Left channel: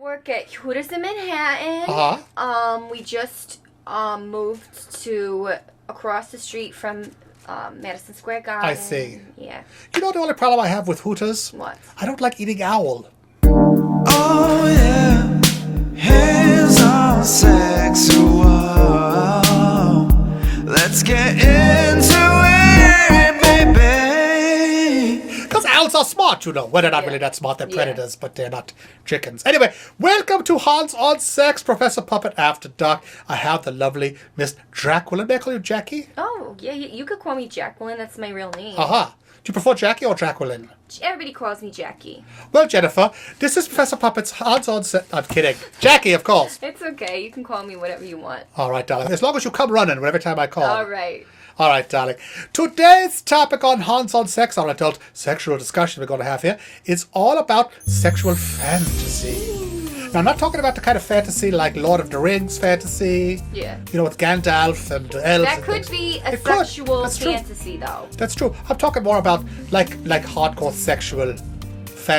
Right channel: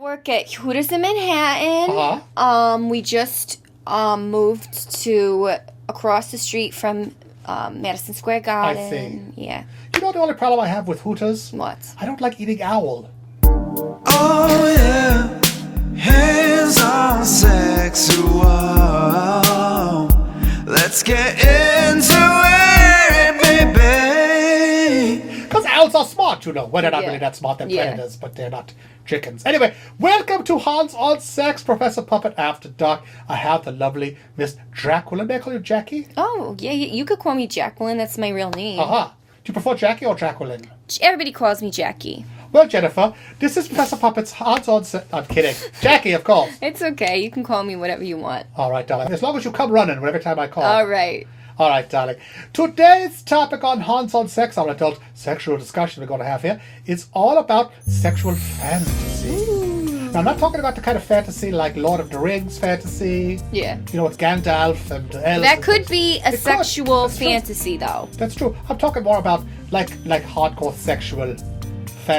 work at Hooters in Manhattan. We just moved to across the street from Madison Square Garden. I see. Yeah. You know the only problem I have with Hooters? What? I don't like eating owl. Oh yeah, hands on sexual. Let's get into it, baby. Because owls are smart, you know. Well, they're not really that smart. They're Yeah. predators, but they're not chickens. Anyway, welcome to Hans on Sex, Professor Puppet After Dark. I have the lovely Miss Jacqueline. May I call you Jackie? Oh, yeah, you could call me Jacqueline. That's my real name. Do you prefer Jackie or Jacqueline? Everybody calls me Jackie. Well, Jennifer, this is Professor Puppet's Hans on Sex. I'm kidding. Jackie, of course. It's okay. You can call me whatever you want. All right, darling. As long as you come running every time I call. All right. All right, darling. Today's topic on Hans on Sex, our adult sexual discussion we're going to have here, is all about sexual fantasy. Now, I'm not talking about the kind of fantasy like Lord of the Rings fantasy. Yeah. You know, with Gandalf and elves. That and could things. be a It could. sexual That's true. fantasy, though. That's true. I'm talking more about like hardcore sexual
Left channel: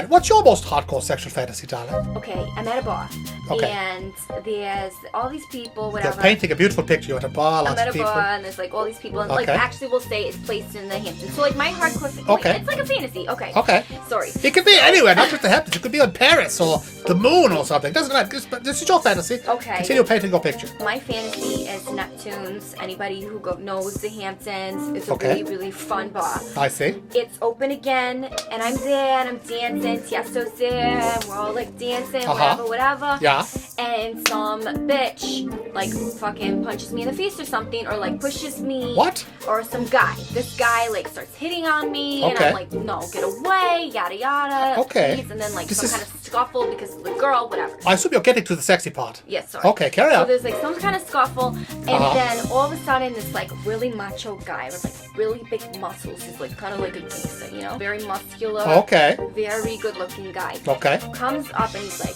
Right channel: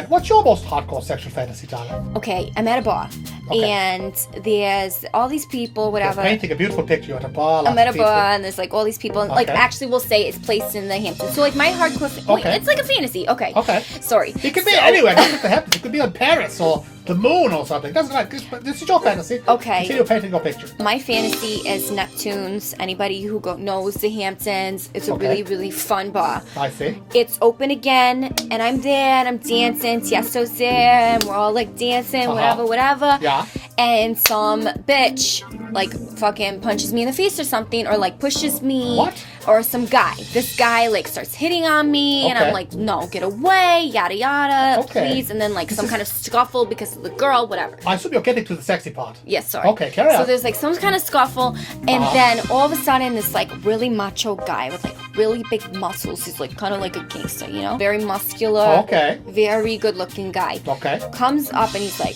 What's your most hardcore sexual fantasy, darling? Okay, I'm at a bar, Okay. and there's all these people, whatever. You're painting a beautiful picture. You're at a bar. I'm lots at of a people. bar, and there's like all these people. And, like, Okay. actually, we'll say it's placed in the Hamptons. So, like, my hardcore. Okay. It's like a fantasy. Okay. Okay. Sorry. It could be anywhere, not just the Hamptons. It could be on Paris or the moon or something. Doesn't matter. This is your fantasy. Okay. Continue painting your picture. My fantasy is Neptune's. Anybody who knows the Hamptons, it's a Okay. really, really fun bar. I see. It's open again, and I'm there, and I'm dancing. Tiesto's there, and we're all like dancing, whatever. Yeah. And some bitch like fucking punches me in the face or something, or like pushes me. What? Or some guy. This guy like starts hitting on me, and Okay. I'm like, no, get away, yada yada, Okay. please. And then like This some is- kind of scuffle because of the girl, whatever. I assume you're getting to the sexy part. Yes, sorry. Okay, carry So on. there's like some kind of scuffle, and then all of a sudden, this like really macho guy with like really big muscles. He's like kind of like a gangster, you know, very muscular. Okay. Very good-looking guy. Okay. Comes up and he's like,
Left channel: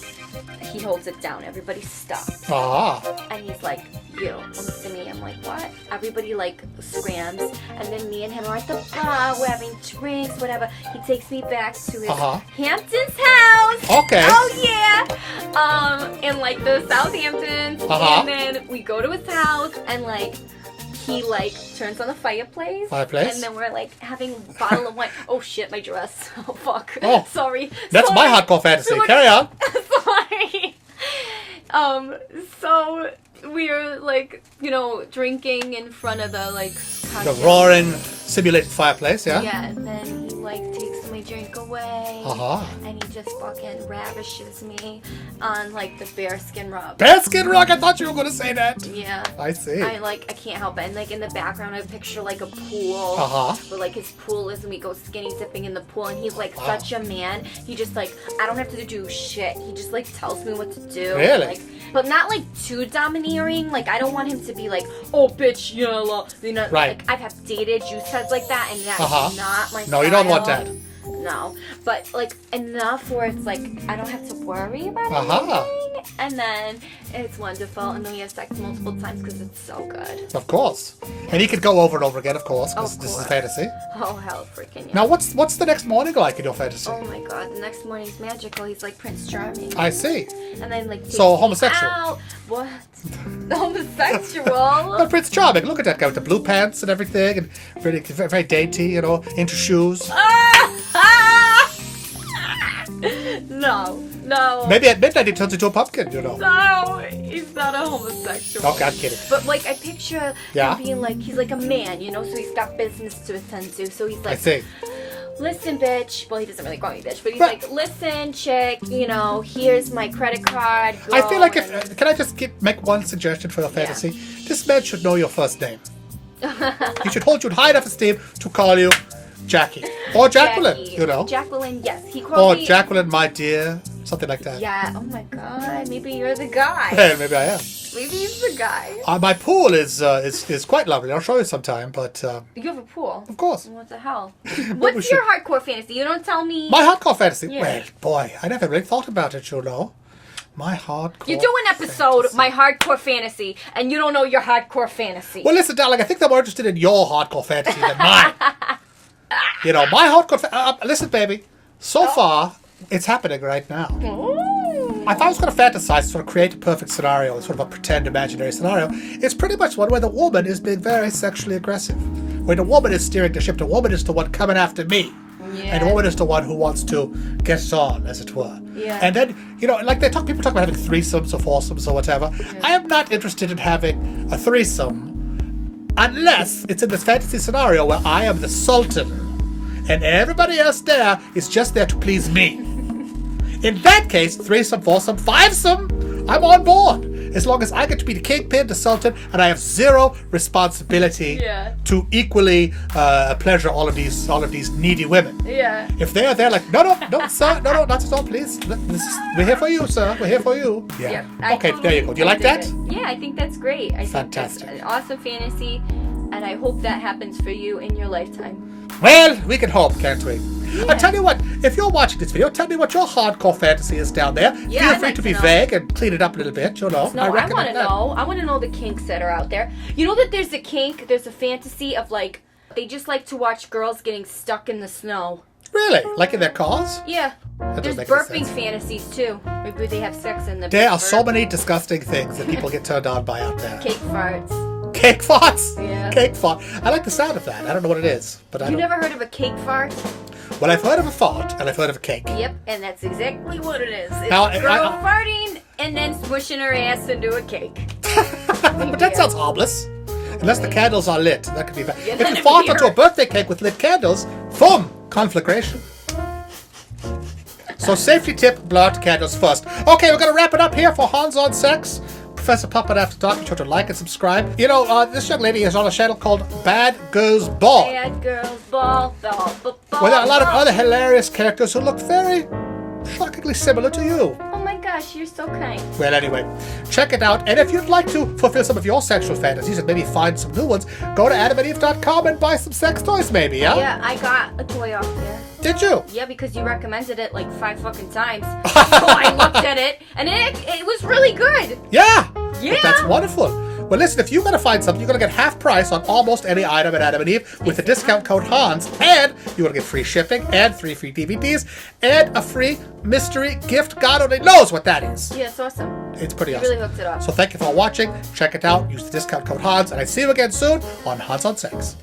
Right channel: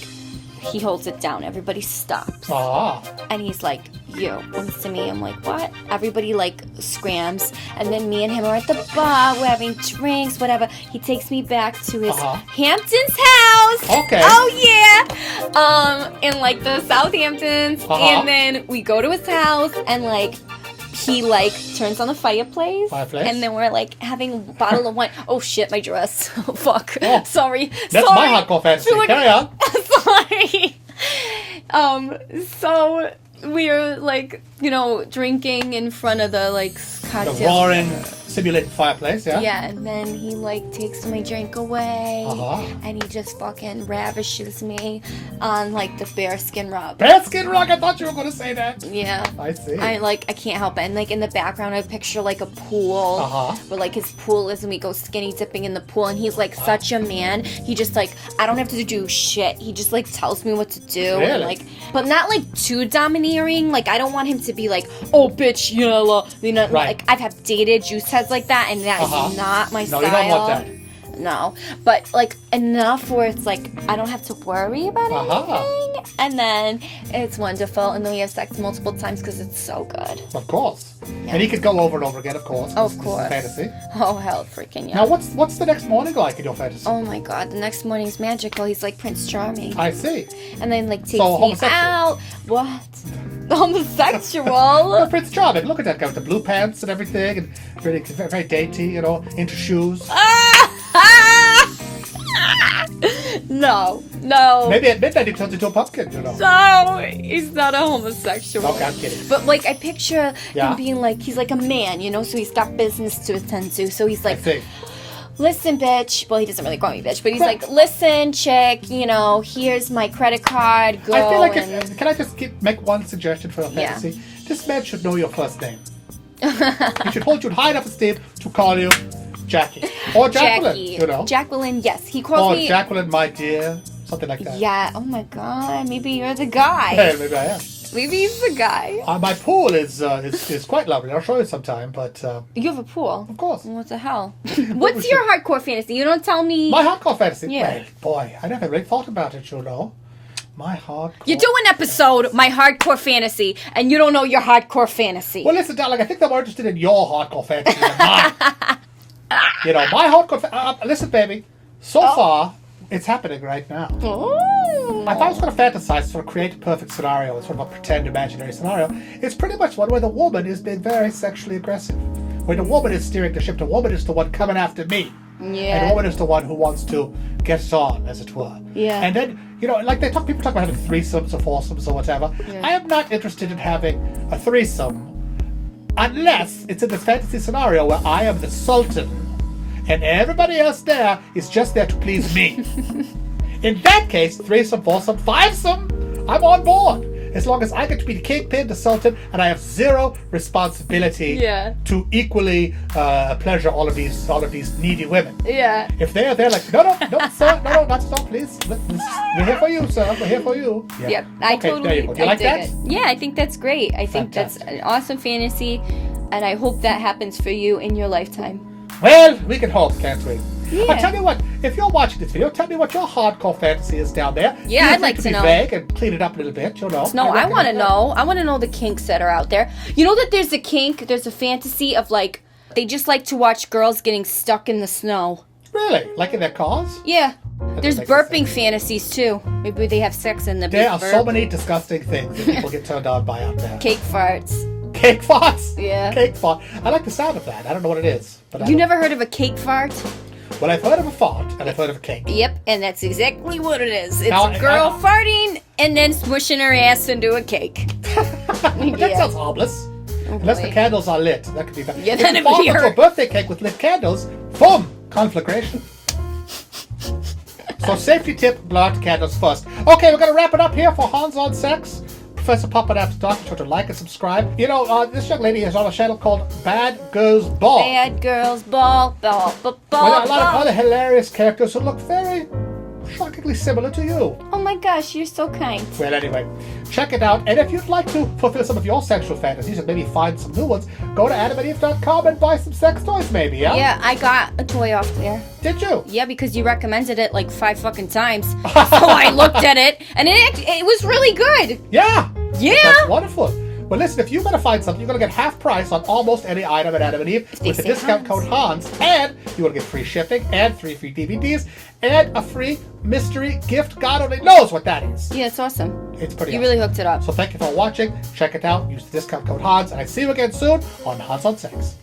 he holds it down. Everybody stops, and he's like, "You." Looks to me. I'm like, "What?" Everybody like scrams, and then me and him are at the bar. We're having drinks, whatever. He takes me back to his Hamptons house. Okay. Oh yeah. In like the Southamptons, and then we go to his house, and like he like turns on the fireplace. And then we're like having a bottle of wine. Oh shit, my dress. Oh fuck. Oh. Sorry. That's Sorry. my hardcore fantasy. Sorry. Carry on. Sorry. So we're like, you know, drinking in front of the like The cocktail. roaring simulated fireplace, yeah? Yeah, and then he like takes my drink away, and he just fucking ravishes me on like the bearskin rug. Bearskin rug, I thought you were going to say that. Yeah. I see. I can't help it. And like in the background I picture like a pool where like his pool is, and we go skinny dipping in the pool, and he's like such a man. He just like, I don't have to do shit. He just like tells me what to do. Really? Like, but not like too domineering. Like I don't want him to be like, oh bitch, yellow. You know, like I've dated juice heads like that, and that's not my style. No, you don't want that. No, but like enough where it's like I don't have to worry about anything, and then it's wonderful, and then we have sex multiple times because it's so good. Of course. And he could go over and over again, of course. Of This is course. fantasy. Oh hell, freaking yeah! Now, what's the next morning like in your fantasy? Oh my god, the next morning's magical. He's like Prince Charming. I see. And then like takes So, me homosexual. out. What? Homosexual? Well, Prince Charming. Look at that guy with the blue pants and everything, and very, very dainty, you know, into shoes. No. Maybe at midnight he turns into a pumpkin, you know. No, he's not a homosexual. Okay, I'm kidding. But like I picture Yeah. him being like, he's like a man, you know, so he's got business to attend to. So he's I like, see. listen, bitch. Well, he doesn't really call me bitch, but he's like, listen, chick, you know, here's my credit card. Go I feel like and... can I just make one suggestion for your fantasy? This man should know your first name. He should hold you in high enough esteem to call you Jackie. Or Jacqueline, Jackie. you know. Jacqueline, yes. He calls Or me... Jacqueline, my dear. Something like that. Yeah, oh my god, maybe you're the guy. Hey, maybe I am. Maybe he's the guy. My pool is quite lovely. I'll show you sometime, but... You have a pool? Of course. What the hell? What's your hardcore fantasy? You don't tell me... My hardcore fantasy? Yeah. Well, boy, I never really thought about it, you know. My hardcore... You do an episode, My Hardcore Fantasy, and you don't know your hardcore fantasy. Well, listen, darling, I think I'm more interested in your hardcore fantasy than mine. You know, my hardcore... listen, baby. So far, it's happening right now. Oh. more. If I was going to fantasize, sort of create a perfect scenario, sort of a pretend imaginary scenario, it's pretty much one where the woman is being very sexually aggressive. Where the woman is steering the ship, the woman is the one coming after me. Yeah. And the woman is the one who wants to get it on, as it were. Yeah. And then, like people talk about having threesomes or foursomes or whatever. Yeah. I am not interested in having a threesome unless it's in this fantasy scenario where I am the sultan and everybody else there is just there to please me. In that case, threesome, foursome, fivesome, I'm on board. As long as I get to be the kingpin, the sultan, and I have zero responsibility to equally pleasure all of these needy women. Yeah. If they're there like, no, sir, no, not at all, please. We're here for you, sir. We're here for you. Yeah. Yep. Okay, totally, there you go. Do you like that? Yeah, I think that's great. I think that's Fantastic. an awesome fantasy, and I hope that happens for you in your lifetime. Well, we can hope, can't we? Yeah. I'll tell you what, if you're watching this video, tell me what your hardcore fantasy is down there. Yeah, Feel I'd free like to to be know. vague and clean it up a little bit, No, I want to recommend that. know. I want to know the kinks that are out there. You know that there's a kink, there's a fantasy of like, they just like to watch girls getting stuck in the snow. Really? Like in their cars? Yeah. That There's doesn't make burping sense. fantasies too. Maybe they have sex in the There are so burp. many disgusting things that people get turned on by out there. Cake farts. Cake farts? Yeah. Cake fart. I like the sound of that. I don't know what it is. But You never heard of a cake fart? Well, I've heard of a fart and I've heard of a cake. Yep, and that's exactly what it is. It's Now, a girl farting and then smushing her ass into a cake. But that sounds harmless. Unless the candles are lit. That could be bad. Yeah, If you that'd fart be onto a hard. birthday cake with lit candles, boom! Conflagration. So safety tip, blow out the candles first. Okay, we're going to wrap it up here for Hans on Sex. Professor Puppet After Dark. Be sure to like and subscribe. This young lady is on a channel called Bad Girls Ball. Bad girls ball, ball, ball, ball. Where there are a lot of ball. other hilarious characters who look very shockingly similar to you. Oh my gosh, you're so kind. Well, anyway, check it out. And if you'd like to fulfill some of your sexual fantasies and maybe find some new ones, go to adamandeve.com and buy some sex toys, maybe, yeah? Yeah, I got a toy off there. Did you? Yeah, because you recommended it like 5 fucking times. So I looked at it, and it was really good. Yeah! Yeah. That's wonderful. Well, listen, if you're going to find something, you're going to get half price on almost any item at Adam and Eve with the discount code Hans, and you're going to get free shipping and 3 free DVDs and a free mystery gift. God only knows what that is. Yeah, it's awesome. It's pretty You awesome. really hooked it up. So thank you for watching. Check it out. Use the discount code Hans, and I see you again soon on Hans on Sex.